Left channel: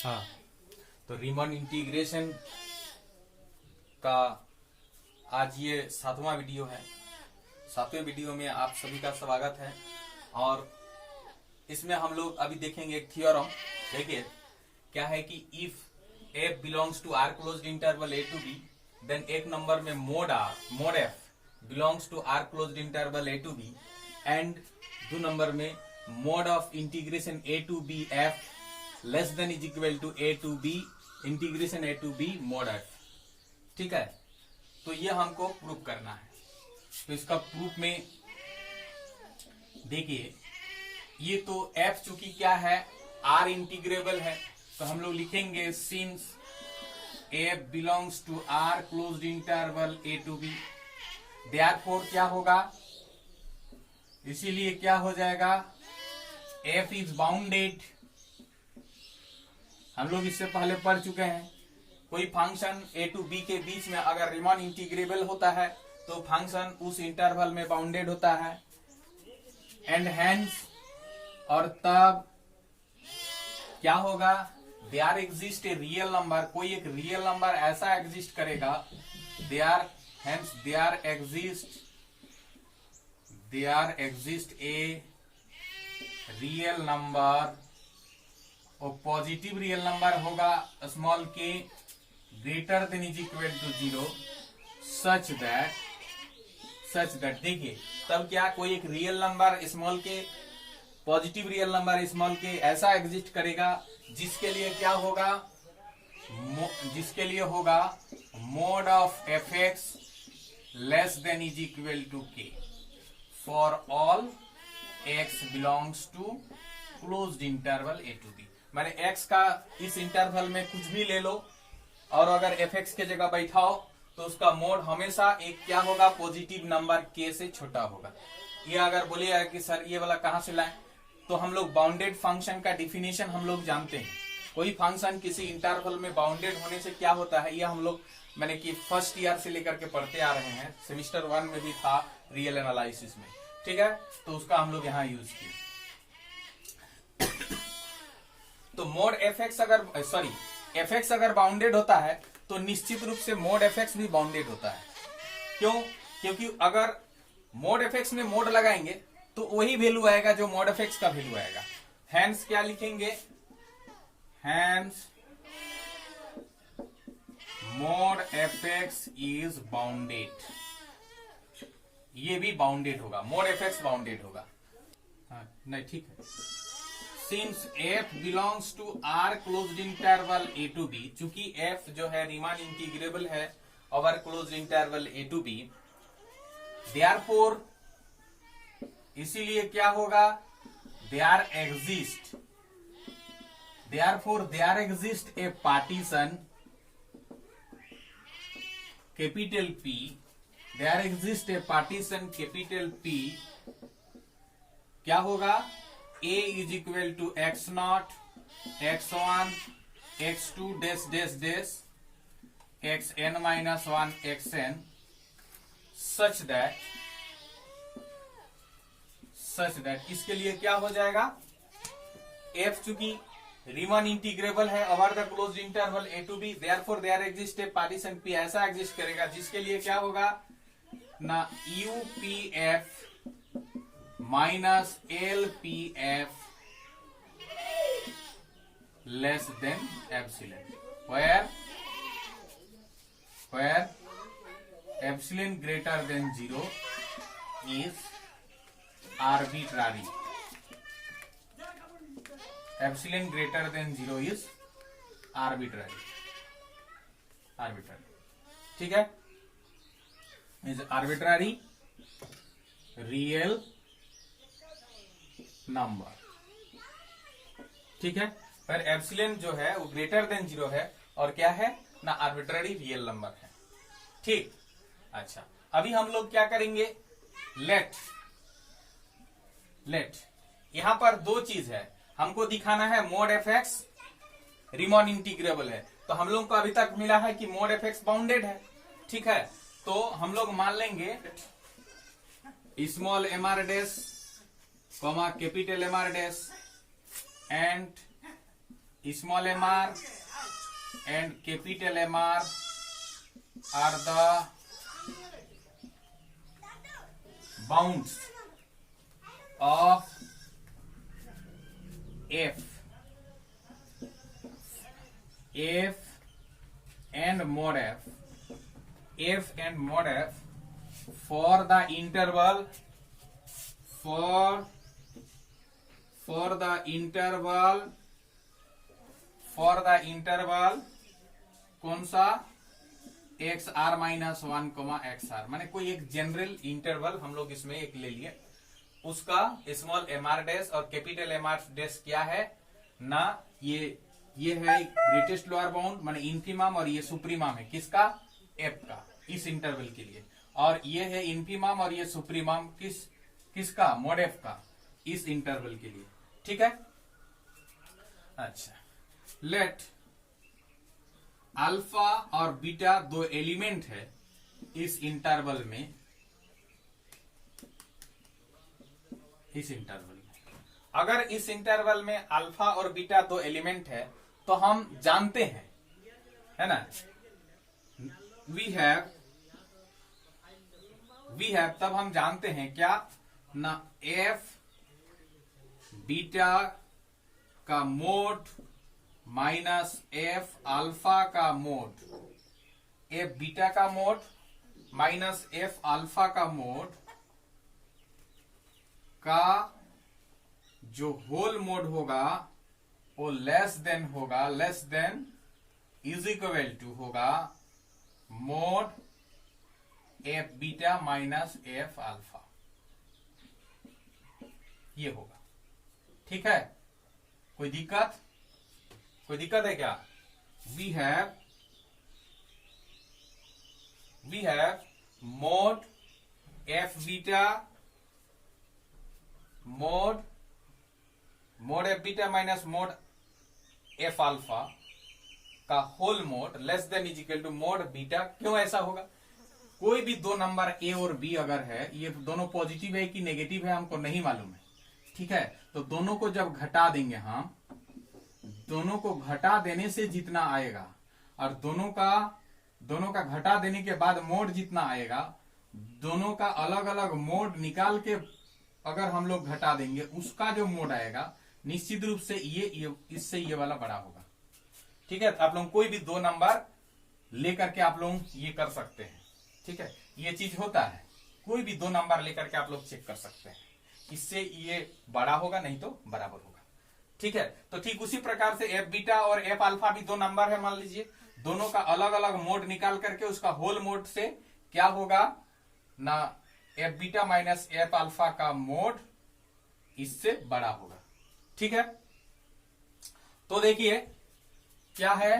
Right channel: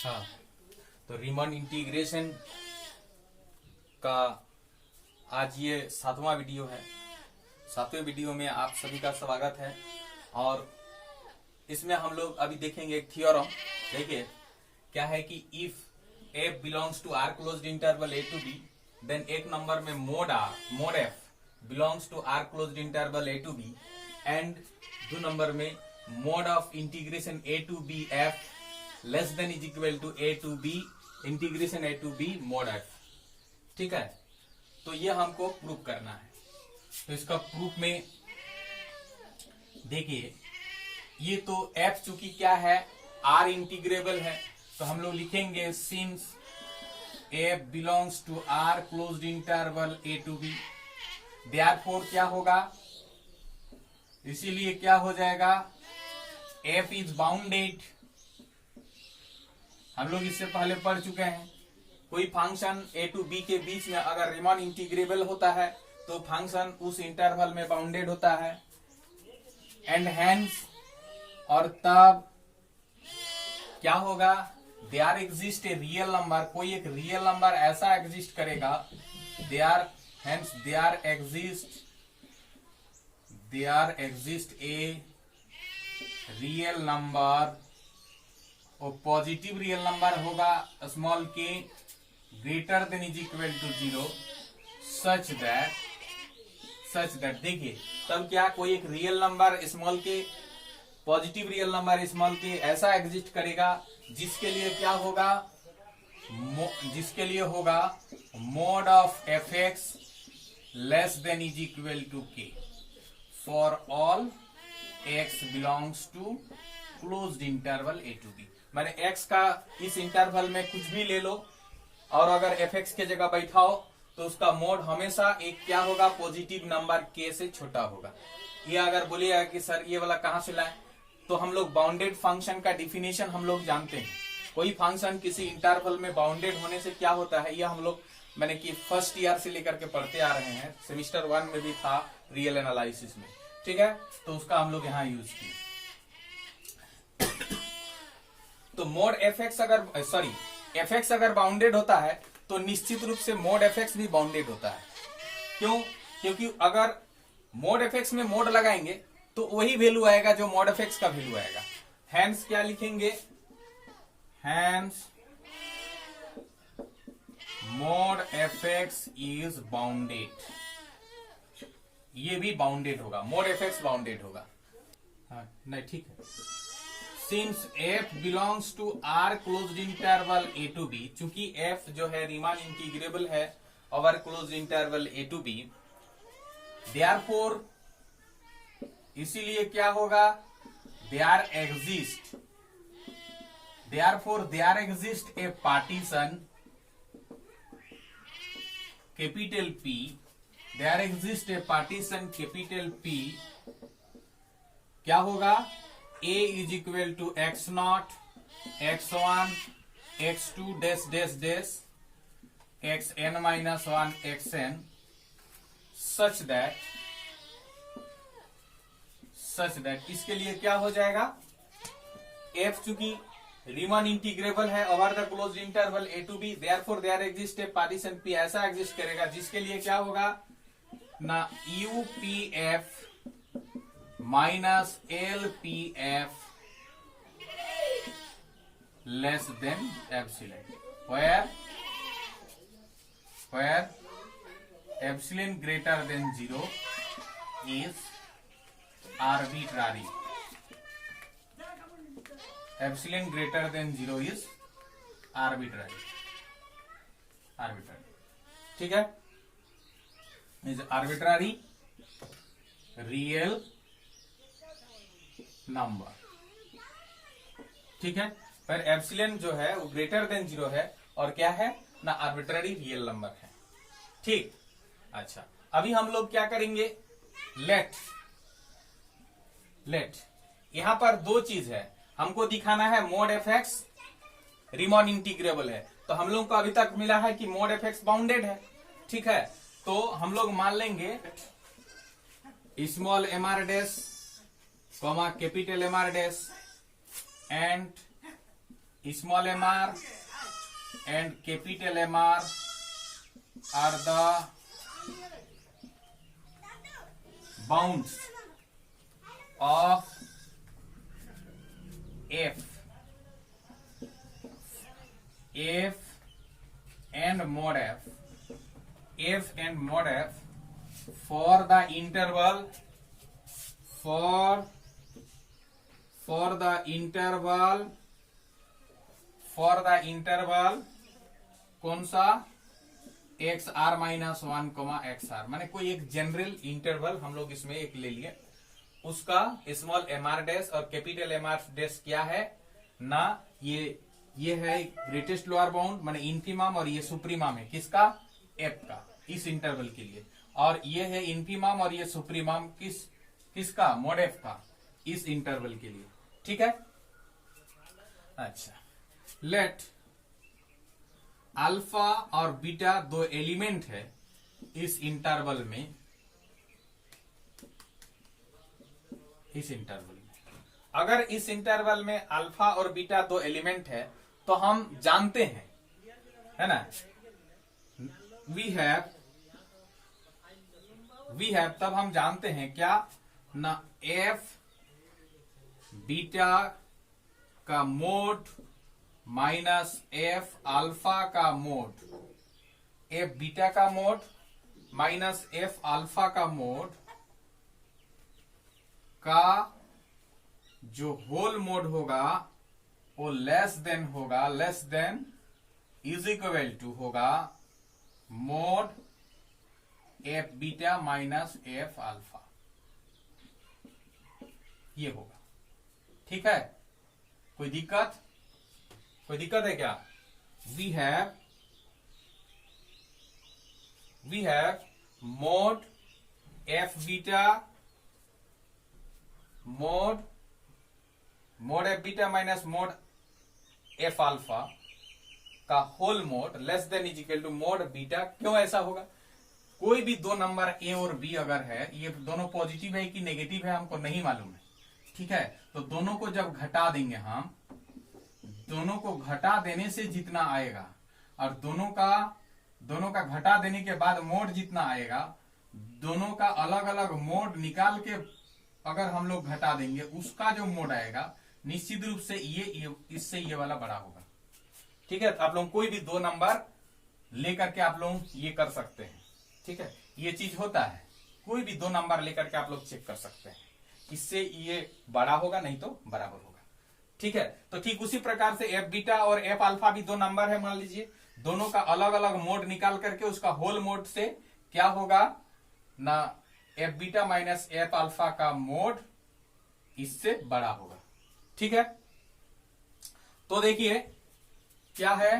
हाँ, तो रीमन इंटीग्रेशन का आज ये 7वां वीडियो है। 7वें वीडियो में आप सभी का स्वागत है। और इसमें हम लोग अभी देखेंगे एक थ्योरम। देखिए क्या है कि if f belongs to R closed interval a to b, then एक नंबर में mod f belongs to R closed interval a to b, and 2 number में mod of integration a to b f less than is equal to a to b integration a to b mod f। ठीक है, तो ये हमको proof करना है। तो इसका प्रूफ में देखिए, ये तो f चूंकि क्या है, r इंटीग्रेबल है, तो हम लोग लिखेंगे since f belongs to r closed interval a to b, therefore क्या होगा, इसीलिए क्या हो जाएगा, f इज बाउंडेड। हम लोग इससे पहले पढ़ चुके हैं, कोई फंक्शन a टू b के बीच में अगर रीमन इंटीग्रेबल होता है तो फंक्शन उस इंटरवल में बाउंडेड होता है, एंड हेंस और तब क्या होगा, there exist a real number, कोई एक रियल नंबर ऐसा एग्जिस्ट करेगा, there exist a real number, और पॉजिटिव रियल नंबर होगा small k greater than is equal to 0, such that देखिए तब क्या, कोई एक real number small k, positive real number small k ऐसा एग्जिस्ट करेगा जिसके लिए क्या होगा, जिसके लिए होगा mod of F X less than is equal to K for all X belongs to closed interval A to B. मैंने x का इस इंटरवल में कुछ भी ले लो और अगर fx के जगह बैठाओ तो उसका मोड हमेशा एक क्या होगा, पॉजिटिव नंबर k से छोटा होगा। ये अगर बोलिएगा कि सर ये वाला कहां से लाए, तो हम लोग बाउंडेड फंक्शन का डिफिनेशन हम लोग जानते हैं। कोई फंक्शन किसी इंटरवल में बाउंडेड होने से क्या होता है, ये हम लोग मैंने कि फर्स्ट ईयर से लेकर के पढ़ते आ रहे हैं, सेमिस्टर 1 में भी था रियल एनालिसिस में। ठीक है, तो उसका हम लोग यहाँ यूज किए। तो मोड एफ एक्स अगर बाउंडेड होता है तो निश्चित रूप से मोड एफ एक्स भी बाउंडेड होता है। क्यों? क्योंकि अगर मोड एफ एक्स में मोड लगाएंगे तो वही वैल्यू आएगा जो मोड एफ एक्स का वैल्यू आएगा। हैंस क्या लिखेंगे, hence mod f x is bounded, ये भी बाउंडेड होगा, मोड एफ एक्स बाउंडेड होगा। हाँ नहीं ठीक है, since f belongs to r closed interval a to b, चूंकि f जो है रीमान इंटीग्रेबल है over closed interval a to b, therefore इसीलिए क्या होगा, there exist a partition capital P, there exist a partition capital P, क्या होगा, a is equal to x naught, x1, x2 dash dash dash, xn minus 1 xn, such that इसके लिए क्या हो जाएगा, f चूंकि रीमन इंटीग्रेबल है over the closed interval a to b, therefore there exist a partition p ऐसा exist करेगा जिसके लिए क्या होगा ना, UPF minus LPF less than epsilon, where epsilon greater than 0 is arbitrary, epsilon greater than 0 is arbitrary. ठीक है, is arbitrary real number. ठीक है, पर एप्सिलॉन जो है वो ग्रेटर देन 0 है और क्या है ना, आर्बिट्ररी रियल नंबर है। ठीक, अच्छा अभी हम लोग क्या करेंगे, लेट यहां पर 2 चीज है, हमको दिखाना है मोड एफ एक्स रीमन इंटीग्रेबल है, तो हम लोग को अभी तक मिला है कि मोड एफ एक्स बाउंडेड है। ठीक है, तो हम लोग मान लेंगे small M R dash comma capital M R dash and small mr and capital Mr are the bounds of f and mod f for the interval कौन सा x r minus 1 x r, माने कोई एक general interval हम लोग इसमें एक ले लिए, उसका स्मॉल एम आर डैश और कैपिटल एम आर डैश क्या है ना, ये है ग्रेटेस्ट लोअर बाउंड माने इन्फिमम, और ये सुप्रीमम है किसका, एफ का, इस इंटरवल के लिए, और ये है इन्फिमम और ये सुप्रीमम किसका, मॉड एफ का, इस इंटरवल के लिए। ठीक है। अच्छा, लेट अल्फा और बीटा दो एलिमेंट है इस इंटरवल में, अगर इस इंटरवल में अल्फा और बीटा दो एलिमेंट है तो हम जानते हैं, है ना, वी हैव तब हम जानते हैं क्या ना, एफ बीटा का मोड माइनस एफ अल्फा का मोड, एफ बीटा का मोड माइनस एफ अल्फा का मोड का जो होल मोड होगा वो less than is equal to होगा mod F beta minus F alpha, ये होगा। ठीक है, कोई दिक्कत है क्या? We have mod F beta mod F beta minus mod F alpha का whole mod less than is equal to mod beta. क्यों ऐसा होगा? कोई भी दो नंबर ए और बी अगर है, ये दोनों पॉजिटिव है कि नेगेटिव है हमको नहीं मालूम है। ठीक है, तो दोनों को जब घटा देंगे हम, दोनों को घटा देने से जितना आएगा और दोनों का घटा देने के बाद मोड जितना आएगा, दोनों का अलग अलग मोड निकाल के अगर हम लोग घटा देंगे, उसका जो मोड आएगा निश्चित रूप से ये इससे ये वाला बड़ा होगा। ठीक है, तो आप लोग कोई भी दो नंबर लेकर के आप लोग ये कर सकते हैं। ठीक है, ये चीज होता है, कोई भी दो नंबर लेकर के आप लोग चेक कर सकते हैं, इससे ये बड़ा होगा नहीं तो बराबर होगा। ठीक है, तो ठीक उसी प्रकार से एफ बीटा और एफ अल्फा भी दो नंबर है, मान लीजिए, दोनों का अलग अलग मोड निकाल करके उसका होल मोड से क्या होगा ना, F beta minus F alpha का मोड इससे बड़ा होगा। ठीक है, तो देखिए क्या है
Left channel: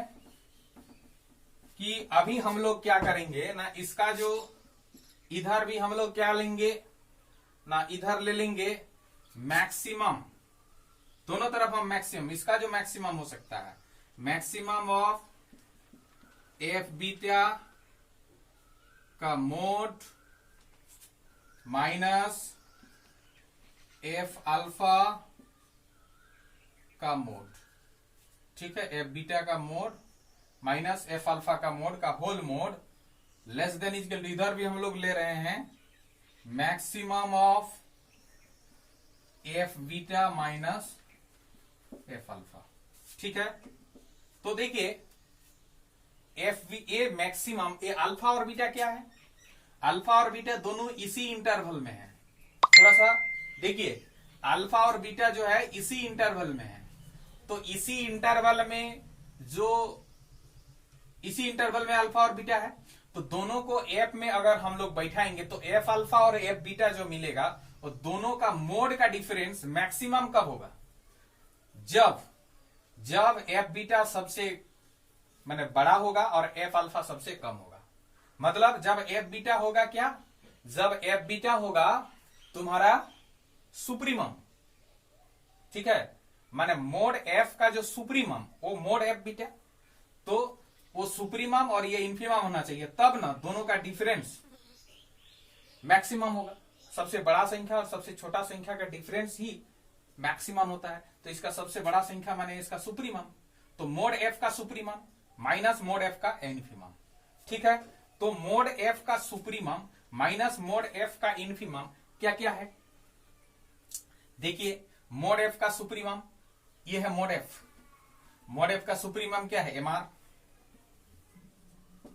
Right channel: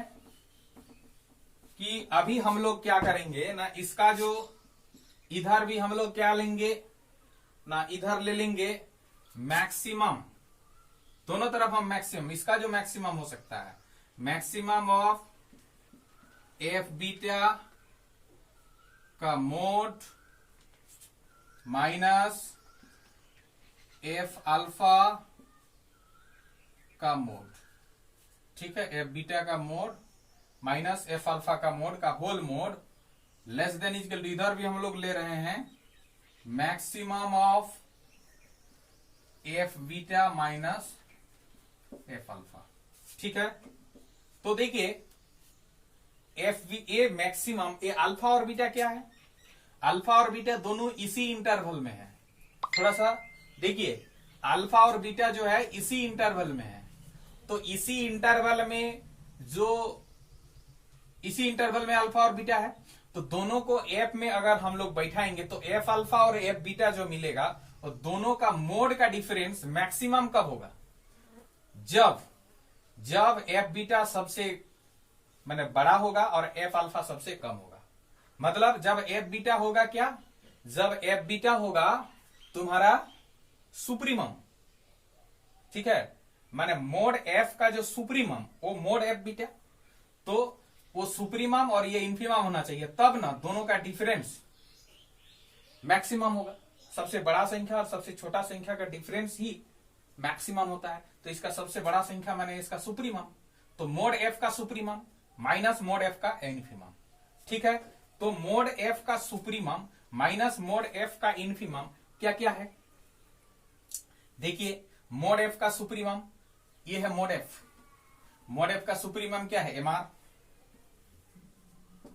कि अभी हम लोग क्या करेंगे ना, इसका जो इधर भी हम लोग क्या लेंगे ना, इधर ले लेंगे मैक्सिमम, दोनों तरफ हम मैक्सिमम, इसका जो मैक्सिमम हो सकता है, मैक्सिमम ऑफ एफ बीटा का मोड माइनस एफ अल्फा का मोड। ठीक है, एफ बीटा का मोड माइनस एफ अल्फा का मोड का whole mod less than equal to, इधर भी हम लोग ले रहे हैं maximum of f beta minus F alpha. ठीक है, तो देखिए ए मैक्सिमम, ए अल्फा और बीटा क्या है, अल्फा और बीटा दोनों इसी इंटरवल में है। थोड़ा सा देखिए, अल्फा और बीटा जो है इसी इंटरवल में है, तो इसी इंटरवल में अल्फा और बीटा है, तो दोनों को एफ में अगर हम लोग बैठाएंगे तो एफ अल्फा और एफ बीटा जो मिलेगा, और दोनों का मोड का डिफरेंस मैक्सिमम कब होगा, जब एफ बीटा सबसे माने बड़ा होगा और एफ अल्फा सबसे कम होगा। मतलब जब एफ बीटा होगा क्या, जब एफ बीटा होगा तुम्हारा सुप्रीमम। ठीक है, माने मोड एफ का जो सुप्रीमम वो मोड एफ बीटा, तो वो सुप्रीमम और ये इन्फीमम होना चाहिए, तब ना दोनों का डिफरेंस मैक्सिमम होगा। सबसे बड़ा संख्या और सबसे छोटा संख्या का डिफरेंस ही मैक्सिमम होता है, तो इसका सबसे बड़ा संख्या माने इसका सुप्रीमम, तो मोड एफ का सुप्रीमम माइनस मोड एफ का इन्फीमम। ठीक है, तो मोड एफ का सुप्रीमम माइनस मोड एफ का इन्फीमम क्या क्या है? देखिए, मोड एफ का सुप्रीमम ये है मोड एफ। मोड एफ का सुप्रीमम क्या है? एमआर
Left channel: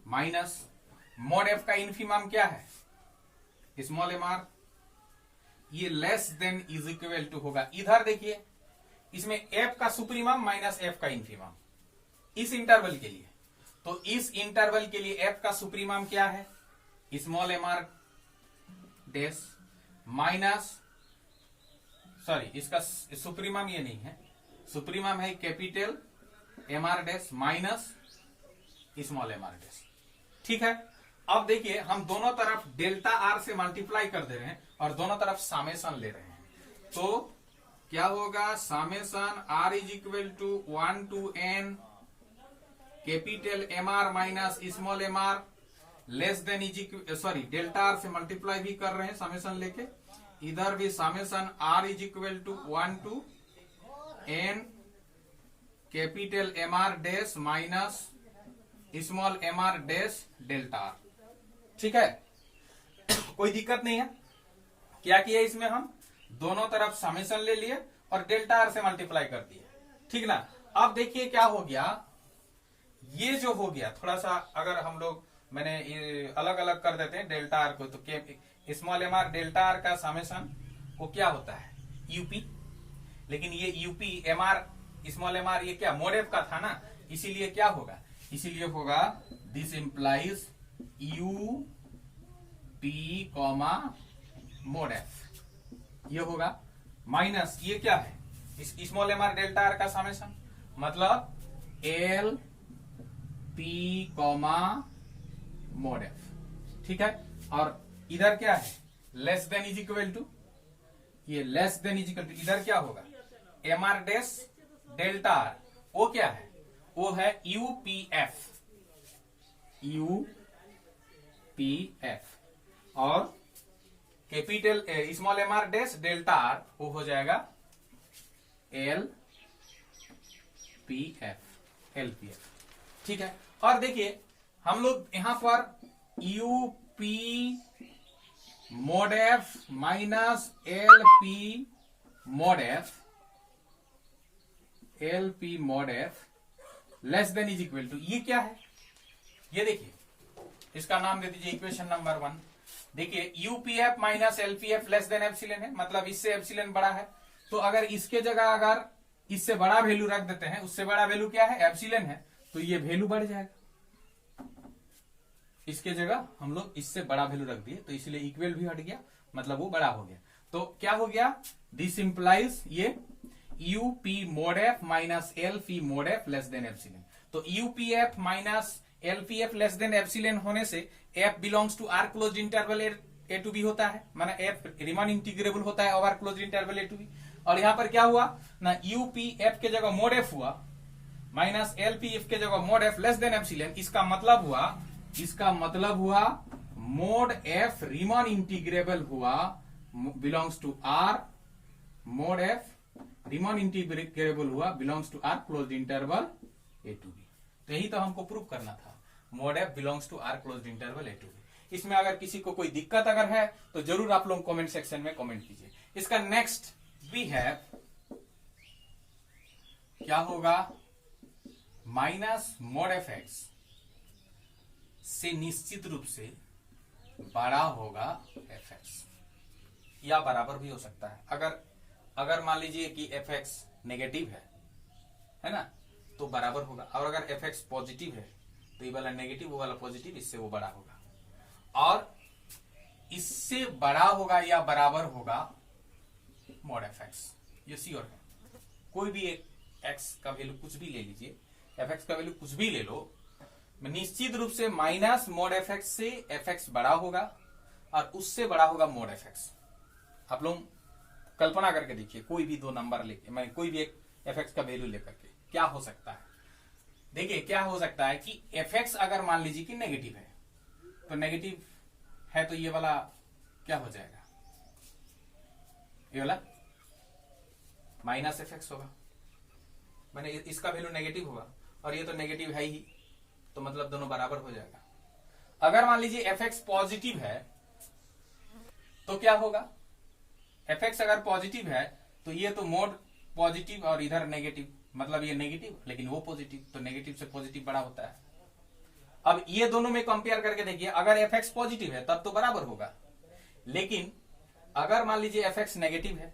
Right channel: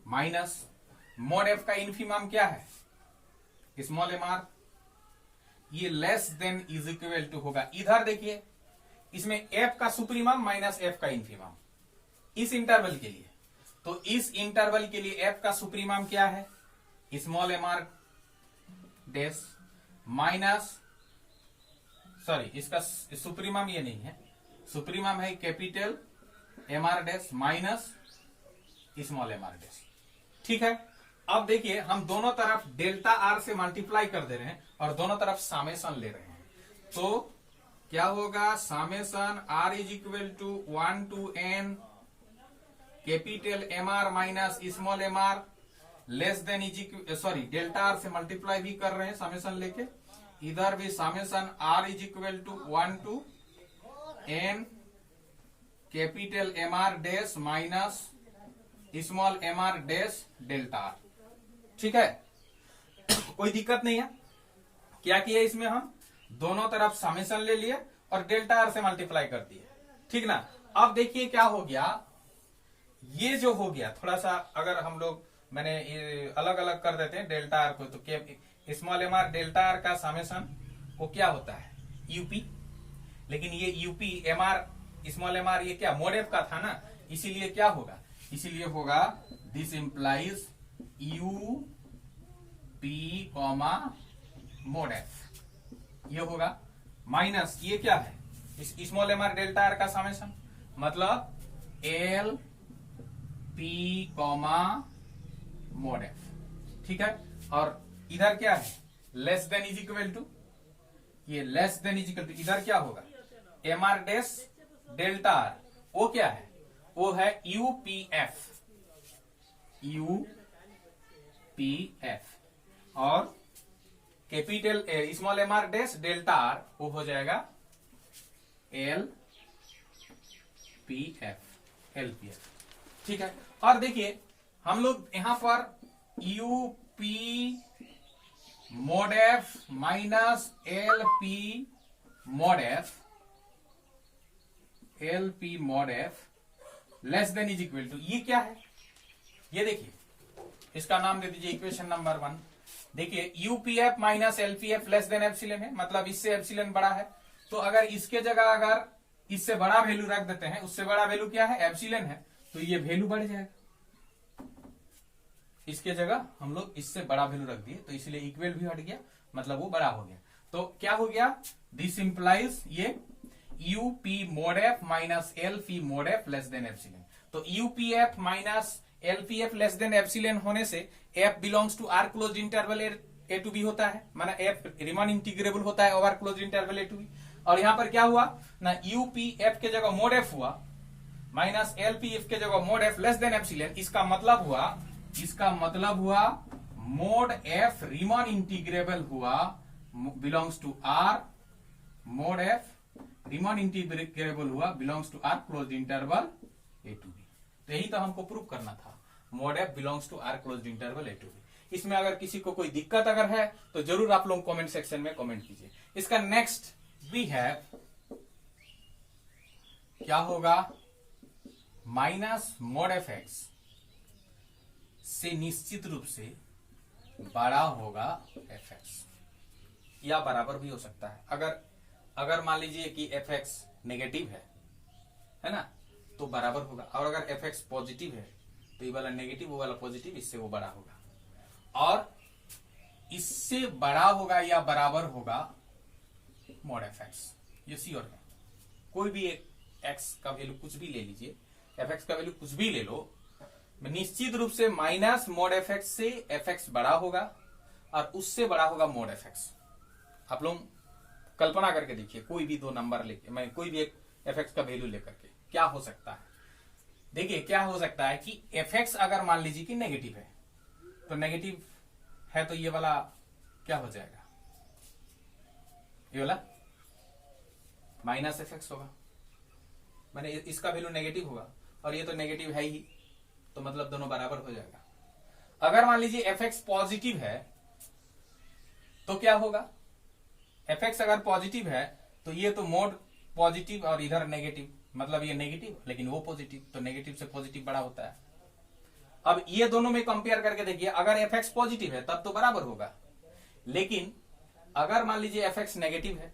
माइनस मोड एफ का इन्फीमम क्या है? Small MR. ये less than is equal to होगा, इधर देखिए इसमें एफ का सुप्रीमम माइनस एफ का इन्फीमम इस इंटरवल के लिए। तो इस इंटरवल के लिए एफ का सुप्रीमम क्या है? Small MR dash minus, sorry इसका सुप्रीमम ये नहीं है, सुप्रीमम है capital MR dash minus small MR dash. ठीक है, अब देखिए हम दोनों तरफ डेल्टा आर से मल्टीप्लाई कर दे रहे हैं और दोनों तरफ सामेशन ले रहे हैं। तो क्या होगा? Summation R is equal to 1 to n capital M R minus small M R less than is equal, sorry delta R से मल्टीप्लाई भी कर रहे हैं सामेशन लेके, इधर भी summation R is equal to 1 to n capital M R dash minus small M R dash delta R. ठीक है, कोई दिक्कत नहीं है। क्या किया इसमें? हम दोनों तरफ समेशन ले लिए और डेल्टा आर से मल्टीप्लाई कर दिए। ठीक ना, अब देखिए क्या हो गया, ये जो हो गया थोड़ा सा, अगर हम लोग मैंने ये अलग अलग कर देते हैं डेल्टा आर को, तो small M R delta are का समेशन को क्या होता है? यूपी। लेकिन ये UP M R small M R ये क्या मोड एफ का था ना, इसीलिए क्या होगा? इसीलिए होगा this implies U P comma mod F, ये होगा माइनस ये क्या है? इस small M R delta are का समेशन, मतलब L P comma mod F. ठीक है, और इधर क्या है? Less than is equal to, ये less than is equal to इधर क्या होगा? M R dash delta R, वो क्या है? वो है यूपीएफ, यूपीएफ। और capital small M R dash delta R वो हो जाएगा एल पी एफ, एलपीएफ। ठीक है, और देखिए हम लोग यहां पर UP mod F minus L P mod f, L P mod F less than is equal to, ये क्या है? ये देखिए इसका नाम दे दीजिए इक्वेशन नंबर 1। देखिए UPF minus LPF less than epsilon है, मतलब इससे एप्सिलॉन बड़ा है। तो अगर इसके जगह अगर इससे बड़ा वैल्यू रख देते हैं, उससे बड़ा वैल्यू क्या है? एप्सिलॉन है, तो ये वैल्यू बढ़ जाएगा। इसके जगह हम लोग इससे बड़ा वैल्यू रख दिए, तो इसलिए इक्वल भी हट गया, मतलब वो बड़ा हो गया। तो क्या हो गया? दिस इंप्लाइज ये UP mod F minus LP mod F less than epsilon. तो UPF minus LPF less than epsilon होने से F belongs to R close interval A to B होता है, माना एफ रीमान इंटीग्रेबल होता है over closed interval A to B. और यहां पर क्या हुआ ना, यूपीएफ के जगह मोड एफ हुआ माइनस एलपीएफ के जगह mod F less than epsilon. इसका मतलब हुआ मोड एफ रीमान इंटीग्रेबल हुआ belongs to R, mod F Riemann integrable हुआ belongs to R close interval A to B. तो यही तो हमको प्रूव करना था, mod F belongs to R close interval A to B. इसमें अगर किसी को कोई दिक्कत अगर है तो जरूर आप लोग कमेंट सेक्शन में कमेंट कीजिए। इसका नेक्स्ट वी है क्या होगा? माइनस मोड एफ एक्स से निश्चित रूप से बड़ा होगा एफ एक्स, या बराबर भी हो सकता है। अगर मान लीजिए कि एफ एक्स नेगेटिव है ना, तो बराबर होगा। और अगर एफ एक्स पॉजिटिव है तो ये वाला नेगेटिव, वो वाला पॉजिटिव, इससे वो बड़ा होगा। और इससे बड़ा होगा या बराबर होगा मोड एफ एक्स, ये श्योर है। कोई भी एक एक्स का वैल्यू कुछ भी ले लीजिए, एफ एक्स का वैल्यू कुछ भी ले लो, निश्चित रूप से माइनस मोड एफ एक्स से एफ एक्स बड़ा होगा और उससे बड़ा होगा मोड एफ एक्स। आप लोग कल्पना करके देखिए, कोई भी दो नंबर लेके, मैं कोई भी एक एफ एक्स का वैल्यू लेकर के क्या हो सकता है? देखिए क्या हो सकता है कि एफ एक्स अगर मान लीजिए कि नेगेटिव है, तो नेगेटिव है तो ये वाला क्या हो जाएगा? ये वाला माइनस एफ एक्स होगा। मैंने इसका वैल्यू नेगेटिव होगा और ये तो नेगेटिव है ही, तो मतलब दोनों बराबर हो जाएगा। अगर मान लीजिए एफ एक्स पॉजिटिव है तो क्या होगा, एफ एक्स अगर पॉजिटिव है तो ये तो मोड पॉजिटिव और इधर नेगेटिव, मतलब ये नेगेटिव लेकिन वो पॉजिटिव, तो नेगेटिव से पॉजिटिव बड़ा होता है। अब ये दोनों में कंपेयर करके देखिए, अगर एफ एक्स पॉजिटिव है तब तो बराबर होगा, लेकिन अगर मान लीजिए एफ एक्स नेगेटिव है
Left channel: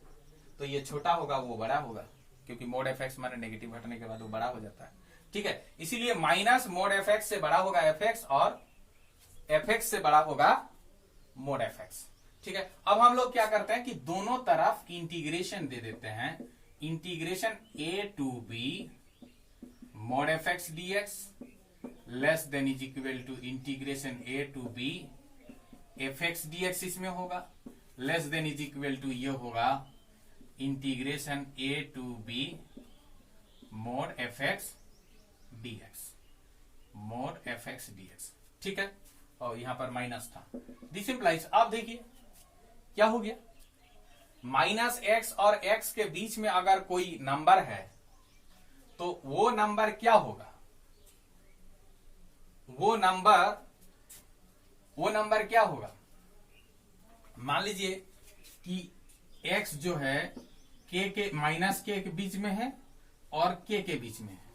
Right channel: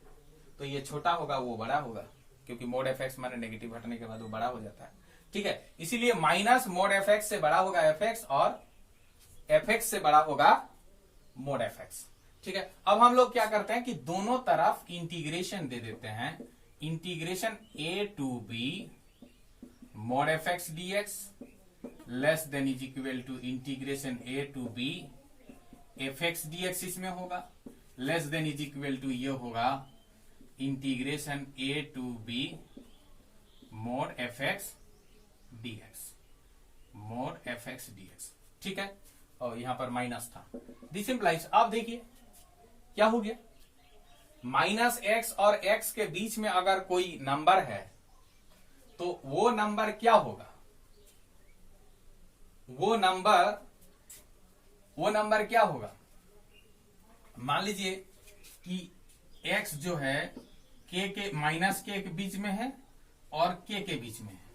तो ये छोटा होगा वो बड़ा होगा, क्योंकि मोड एफ एक्स माने नेगेटिव हटने के बाद वो बड़ा हो जाता है। ठीक है, इसीलिए माइनस मोड एफ एक्स से बड़ा होगा एफ एक्स और एफ एक्स से बड़ा होगा मोड एफ एक्स। ठीक है, अब हम लोग क्या करते हैं कि दोनों तरफ इंटीग्रेशन दे देते हैं, integration a to b mod f x d x less than is equal to integration a to b f x d x इसमें होगा, less than is equal to ये होगा integration a to b mod f x d x, mod f x d x. ठीक है, और यहां पर minus था, दिस इंप्लाइज, आप देखिए क्या हो गया, माइनस एक्स और एक्स के बीच में अगर कोई नंबर है तो वो नंबर क्या होगा, वो नंबर क्या होगा, मान लीजिए कि x जो है के माइनस के बीच में है और के बीच में है,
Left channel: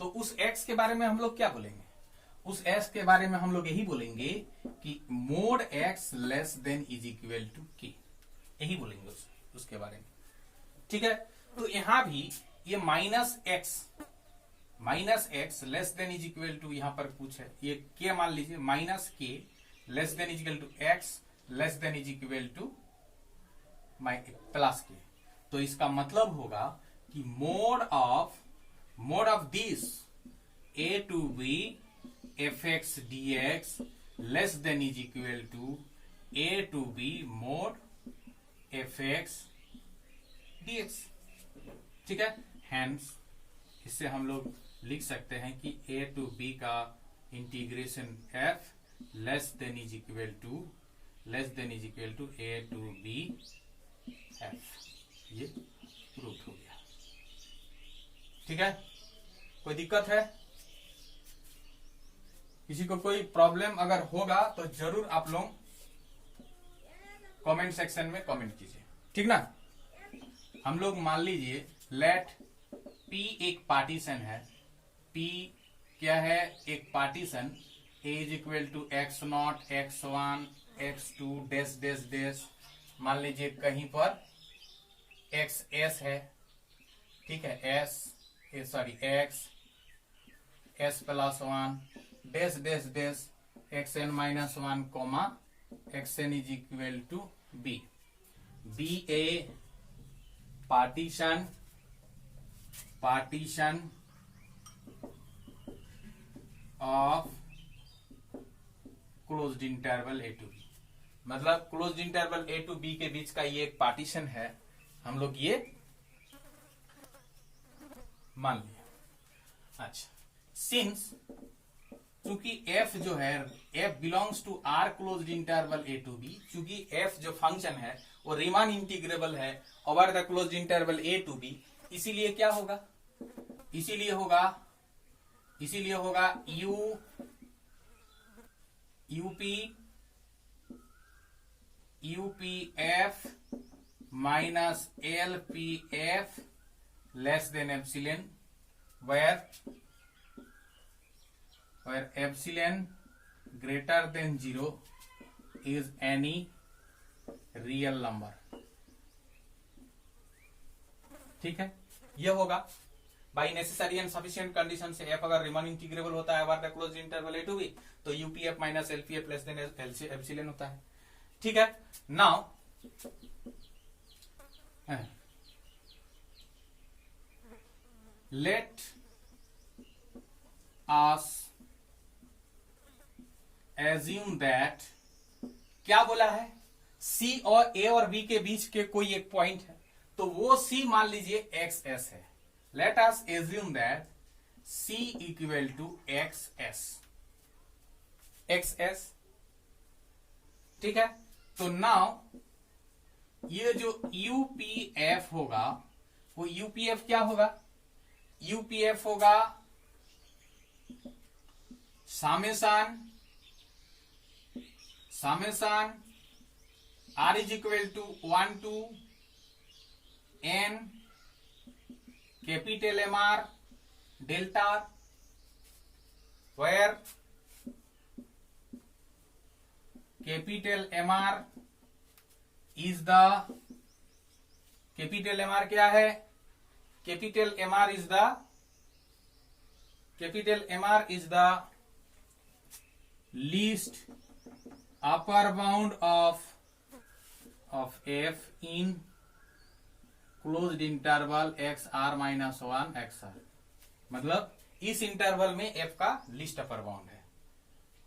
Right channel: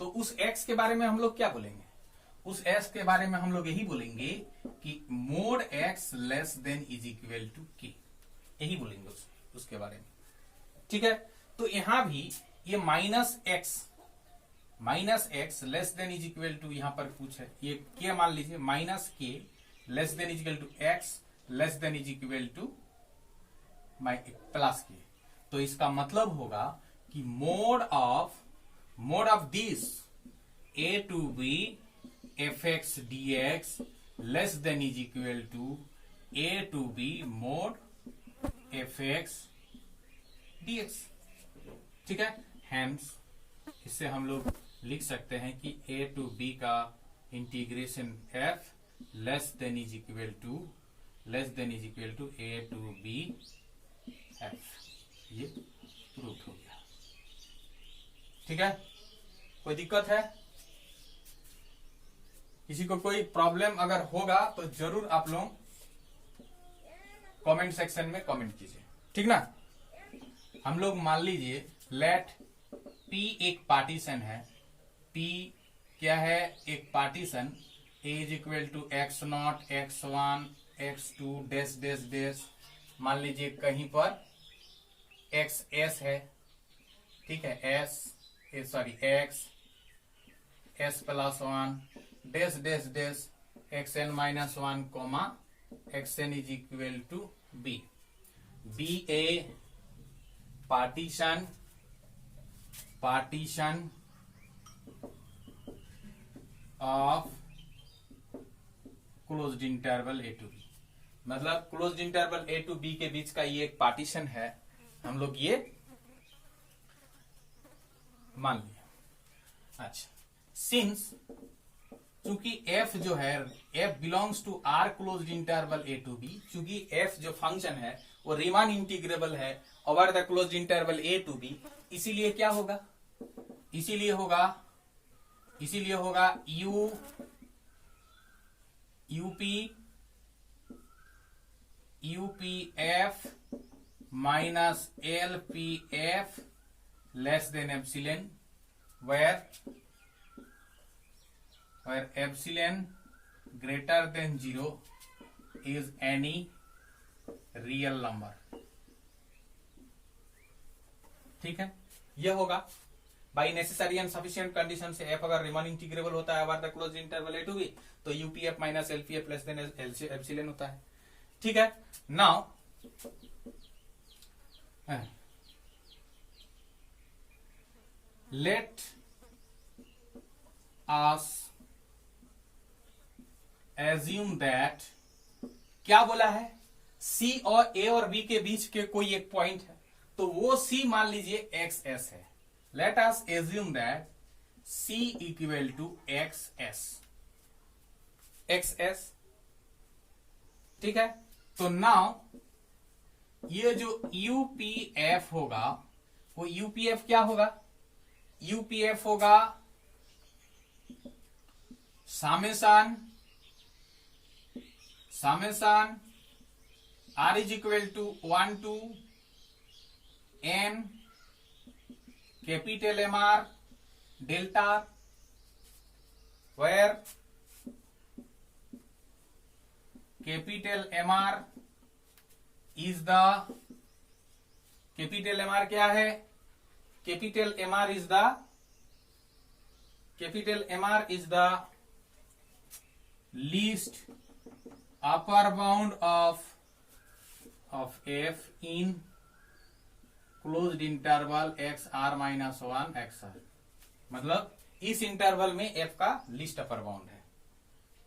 तो उस x के बारे में हम लोग क्या बोलेंगे, उस x के बारे में हम लोग यही बोलेंगे कि mod x less than is equal to k, यही बोलेंगे उसके बारे में। ठीक है, तो यहां भी ये minus x less than is equal to, यहां पर कुछ है ये के मान लीजिए, minus k less than is equal to x less than is equal to plus k, तो इसका मतलब होगा कि mod of this a to b f x d x less than is equal to a to b mod f x d x. ठीक है, hence इससे हम लोग लिख सकते हैं कि ए टू बी का integration f less than is equal to a to b f, ये प्रूफ हो गया। ठीक है, कोई दिक्कत है, किसी को कोई प्रॉब्लम अगर होगा तो जरूर आप लोग कमेंट सेक्शन में कमेंट कीजिए। ठीक ना, हम लोग मान लीजिए लेट P एक पार्टीशन है, P क्या है, एक partition, A is equal to x naught X one X two dash dash dash, मान लीजिए कहीं पर एक्स एस है, ठीक है, X S plus one dash dash dash X N minus one comma X N is equal to B, B a partition of closed interval A to B, मतलब closed interval A to B के बीच का ये एक partition है, हम लोग ये मान लिया। अच्छा, सिंस चूंकि f जो है f belongs to R closed interval A to b, चूंकि f जो फंक्शन है वो रीमान इंटीग्रेबल है over the closed interval A to b, इसीलिए क्या होगा, इसीलिए होगा UPF minus LPF less than epsilon, where epsilon greater than 0 is any real number. ठीक है, यह होगा by necessary and sufficient condition से एफ अगर रिमान इंटीग्रेबल होता है over the closed interval A to B, तो UPF minus LPF less than epsilon होता है। ठीक है, now let us assume that, क्या बोला है, सी और ए और बी के बीच के कोई एक पॉइंट है, तो वो सी मान लीजिए एक्स एस है। Let us assume that c equal to x s. ठीक है, तो नाउ ये जो यूपीएफ होगा वो यूपीएफ क्या होगा, यूपीएफ होगा summation r is equal to 1 to n capital MR delta, where capital MR is the, capital MR क्या है? Capital MR is the least upper bound of f in closed interval XR minus 1 XR, मतलब इस interval में f का least upper bound है।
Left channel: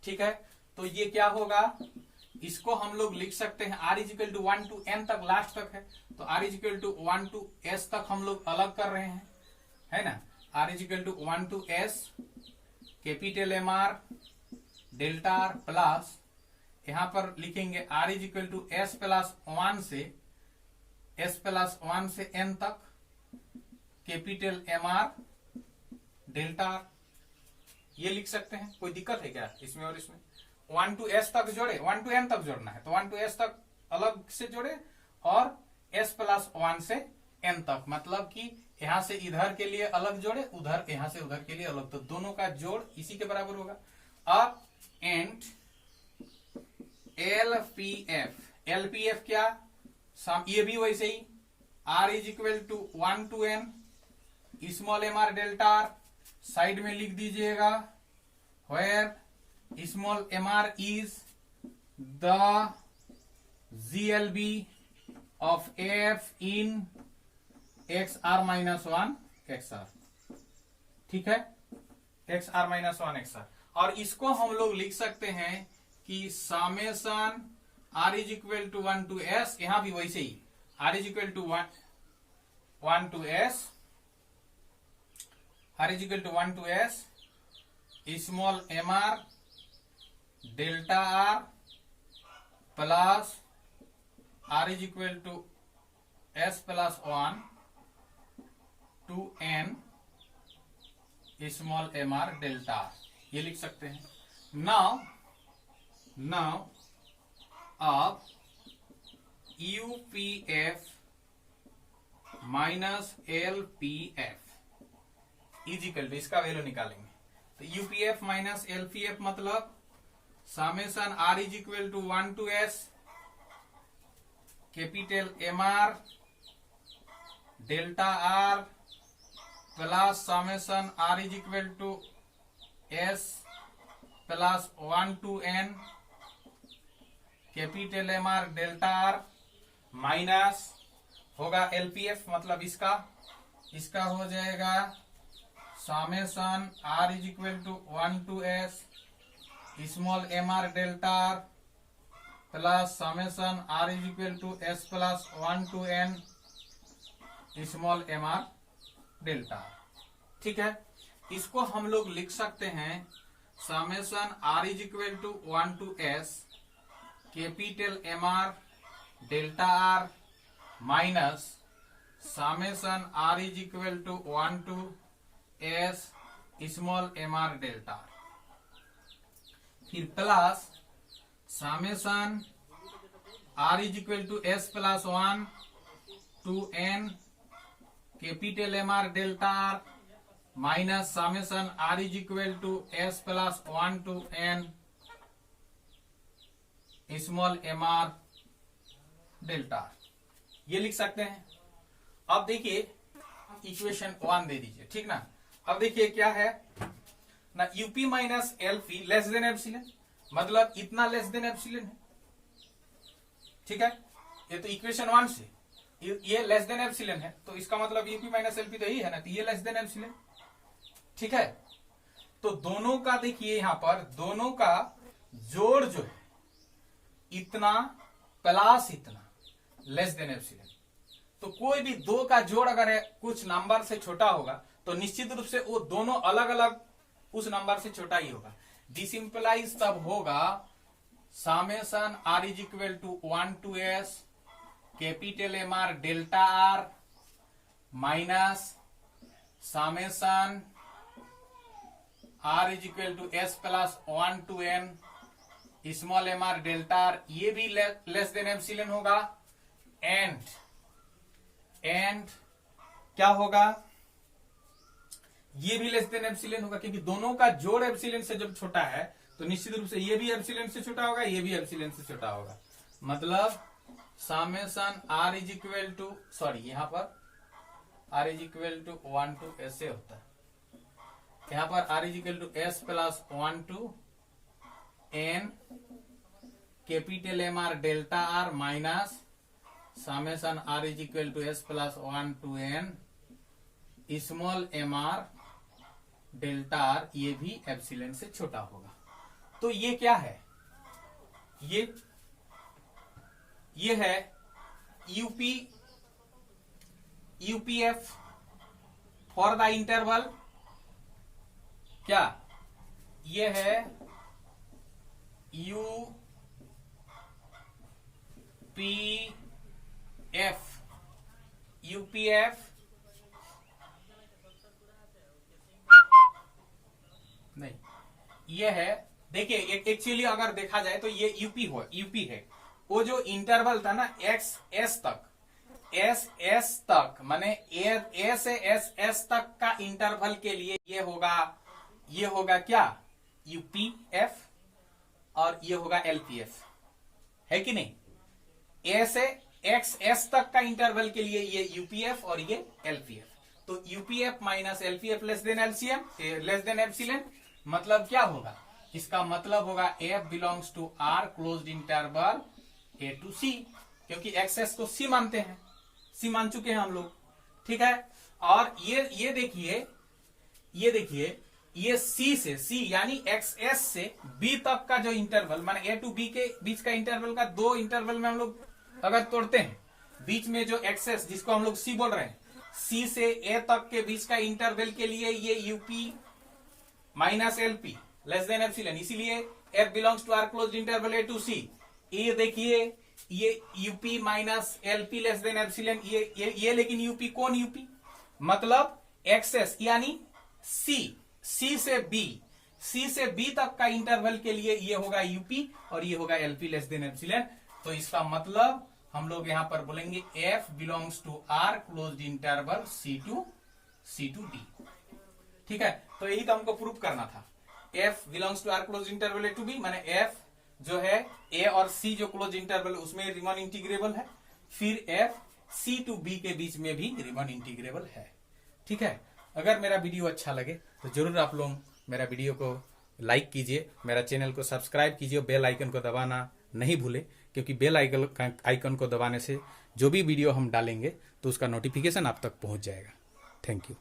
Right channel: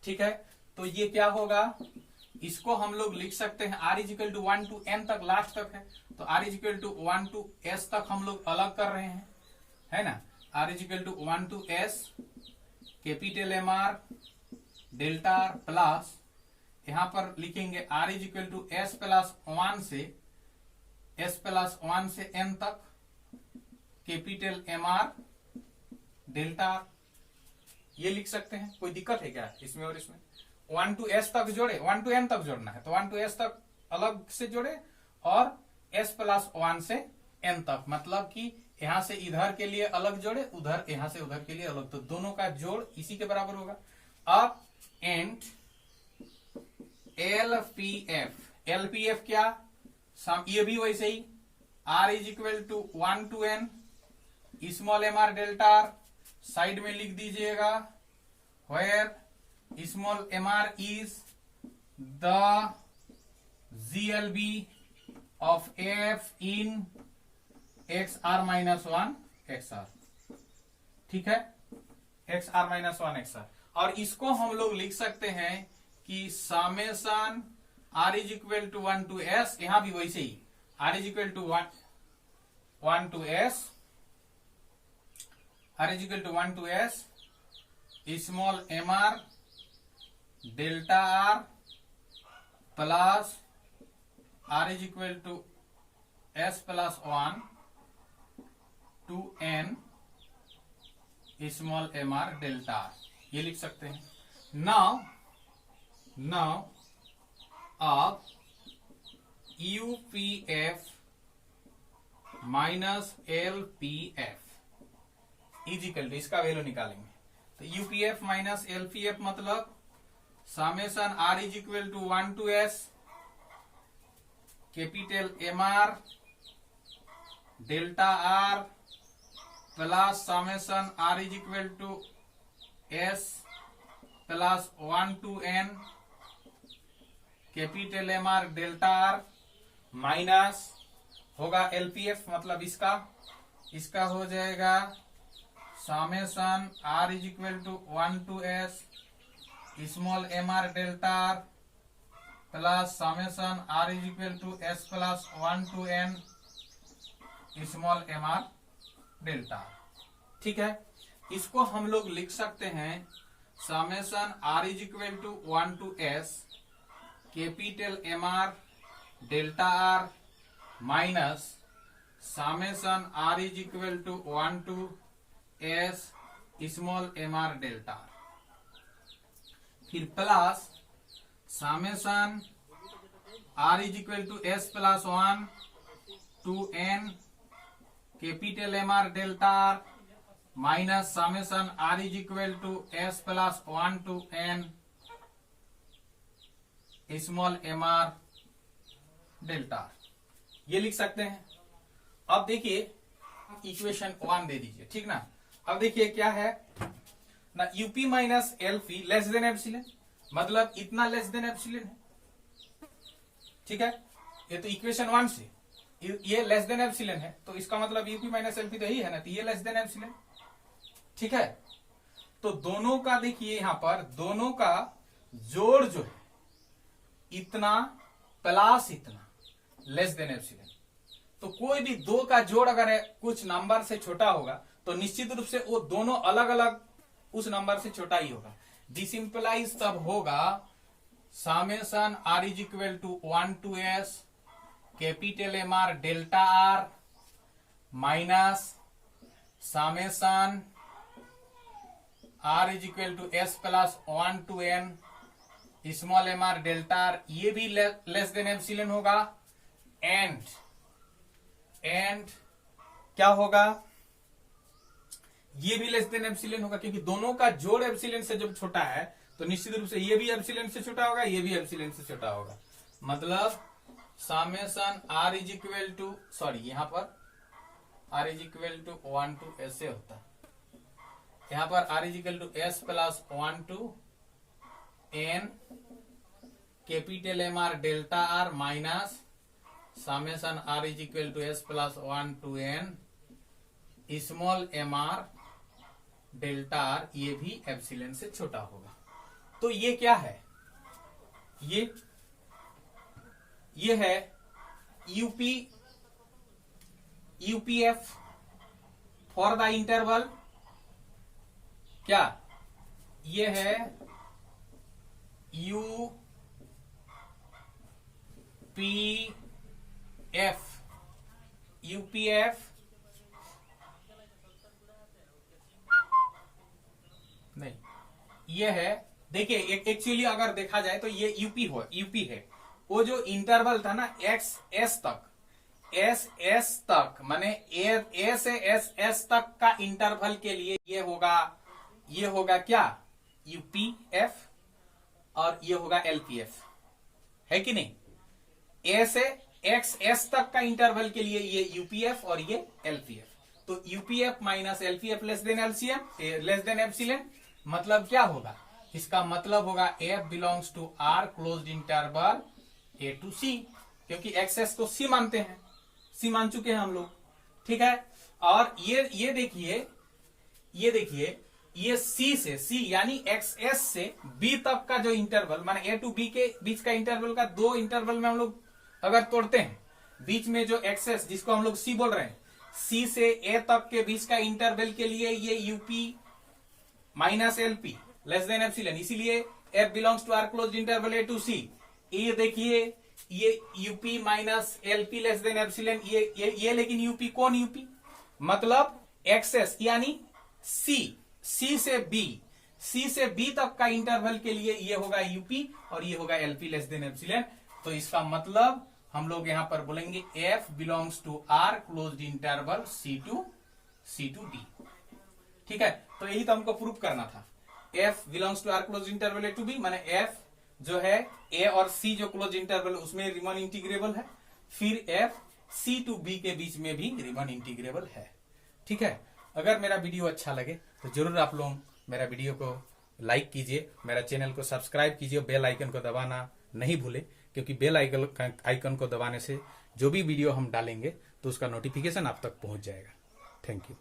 ठीक है, तो ये क्या होगा, इसको हम लोग लिख सकते हैं r is equal to 1 to n तक, लास्ट तक है, तो r is equal to 1 to s तक हम लोग अलग कर रहे हैं, है ना। r is equal to 1 to s capital MR delta r plus, यहां पर लिखेंगे r is equal to s plus 1 से n तक कैपिटल MR डेल्टा r, ये लिख सकते हैं। कोई दिक्कत है क्या इसमें और इसमें? 1 to s तक जोड़े, 1 to n तक जोड़ना है तो 1 to s तक अलग से जोड़े और s प्लस 1 से n तक, मतलब कि यहां से इधर के लिए अलग जोड़े, उधर यहां से उधर के लिए अलग, तो दोनों का जोड़ इसी के बराबर होगा। अब एंड LPF क्या, ये भी वैसे ही r is equal to 1 to n small MR delta r, side में लिख दीजिएगा where स्मॉल MR is the GLB of f in XR minus 1 XR, ठीक है, XR माइनस 1 XR। और इसको हम लोग लिख सकते हैं कि summation r is equal to 1 to s, यहां भी वैसे ही r is equal to 1 to s, r is equal to 1 to s small MR delta r plus r is equal to s plus 1 to n small MR delta r, ये लिख सकते हैं। Now अब UPF minus LPF is equal to, इसका value निकालेंगे तो UPF minus LPF मतलब summation r is equal to 1 to s capital MR delta r plus summation r is equal to s plus 1 to n capital MR delta r minus होगा LPF, मतलब इसका हो जाएगा summation r is equal to 1 to s small MR delta r plus summation r is equal to s plus 1 to n small MR delta r, ठीक है। इसको हम लोग लिख सकते हैं summation r is equal to 1 to s capital MR delta r minus summation r is equal to 1 to s small MR delta r, फिर plus summation r is equal to s plus 1 to n capital MR delta r minus summation r is equal to s plus 1 to n small MR delta, ये लिख सकते हैं। अब देखिए equation 1 दे दीजिए, ठीक ना। अब देखिए क्या है ना, UP minus LP less than epsilon, मतलब इतना लेस देन एप्सिलॉन है, ठीक है। ये तो इक्वेशन 1 से ये लेस देन एप्सिलॉन है, तो इसका मतलब यूपी माइनस LP तो ही है ना, तो ये लेस देन एप्सिलॉन, ठीक है। तो दोनों का देखिए यहां पर दोनों का जोड़ जो है इतना प्लस इतना लेस देन एप्सिलॉन, तो कोई भी दो का जोड़ अगर है कुछ नंबर से छोटा होगा तो निश्चित रूप से वो दोनों अलग अलग उस नंबर से छोटा ही होगा। दिस इंप्लाइज तब होगा summation r is equal to 1 to s capital MR delta r minus summation r is equal to s plus 1 to n small M R delta R, ये भी लेस देन एप्सिलॉन होगा। And क्या होगा, ये भी less than epsilon होगा, क्योंकि दोनों का जोड़ एप्सिलॉन से जब छोटा है तो निश्चित रूप से ये भी एप्सिलॉन से छोटा होगा, ये भी एप्सिलॉन से छोटा होगा। मतलब summation r is equal to, sorry यहां पर r is equal to 1 to s होता है, यहां पर r is equal to s plus 1 to n capital M are delta R minus summation r is equal to s plus 1 to n small M R delta R, ये भी epsilon से छोटा होगा। तो ये क्या है, ये है यूपीएफ फॉर द इंटरवल, क्या ये है यूपीएफ नहीं, ये है, देखिए एक्चुअली अगर देखा जाए तो ये यूपी है। वो जो इंटरवल था ना एक्स एस तक माने ए से एस तक का इंटरवल के लिए ये होगा क्या, यूपीएफ, और ये होगा एलपीएफ, है कि नहीं। ए से एक्स एस तक का इंटरवल के लिए ये यूपीएफ और ये एलपीएफ। तो UPF minus LPF less than epsilon, मतलब क्या होगा, इसका मतलब होगा F belongs to R closed interval A to C, क्योंकि एक्सेस को सी मानते हैं, सी मान चुके हैं हम लोग, ठीक है। और ये देखिए ये सी यानी एक्सएस से बी तक का जो इंटरवल माने ए टू बी के बीच का इंटरवल का, दो इंटरवल में हम लोग अगर तोड़ते हैं, बीच में जो एक्सेस जिसको हम लोग सी बोल रहे हैं, सी से ए तक के बीच का इंटरवल के लिए ये UP minus LP less than epsilon, इसीलिए F belongs to R closed interval A to C. ये देखिए ये UP minus LP less than epsilon, ये लेकिन यूपी कौन यूपी, मतलब एक्सेस यानी सी से बी तक का इंटरवल के लिए ये होगा यूपी और ये होगा एलपी लेस देन एप्सिलॉन। तो इसका मतलब हम लोग यहां पर बोलेंगे f belongs to R closed interval c to d, ठीक है। तो यही तो हमको प्रूफ करना था, f belongs to R close interval A to b, माने एफ जो है ए और सी जो क्लोज इंटरवल उसमें रिमन इंटीग्रेबल है, फिर एफ सी टू बी के बीच में भी रिमन इंटीग्रेबल है, ठीक है। अगर मेरा वीडियो अच्छा लगे तो जरूर आप लोग मेरा वीडियो को लाइक कीजिए, मेरा चैनल को सब्सक्राइब कीजिए, बेल आइकन को दबाना नहीं भूले, क्योंकि बेल आइकन को दबाने से जो भी वीडियो हम डालेंगे तो उसका नोटिफिकेशन आप तक पहुंच जाएगा। Thank you.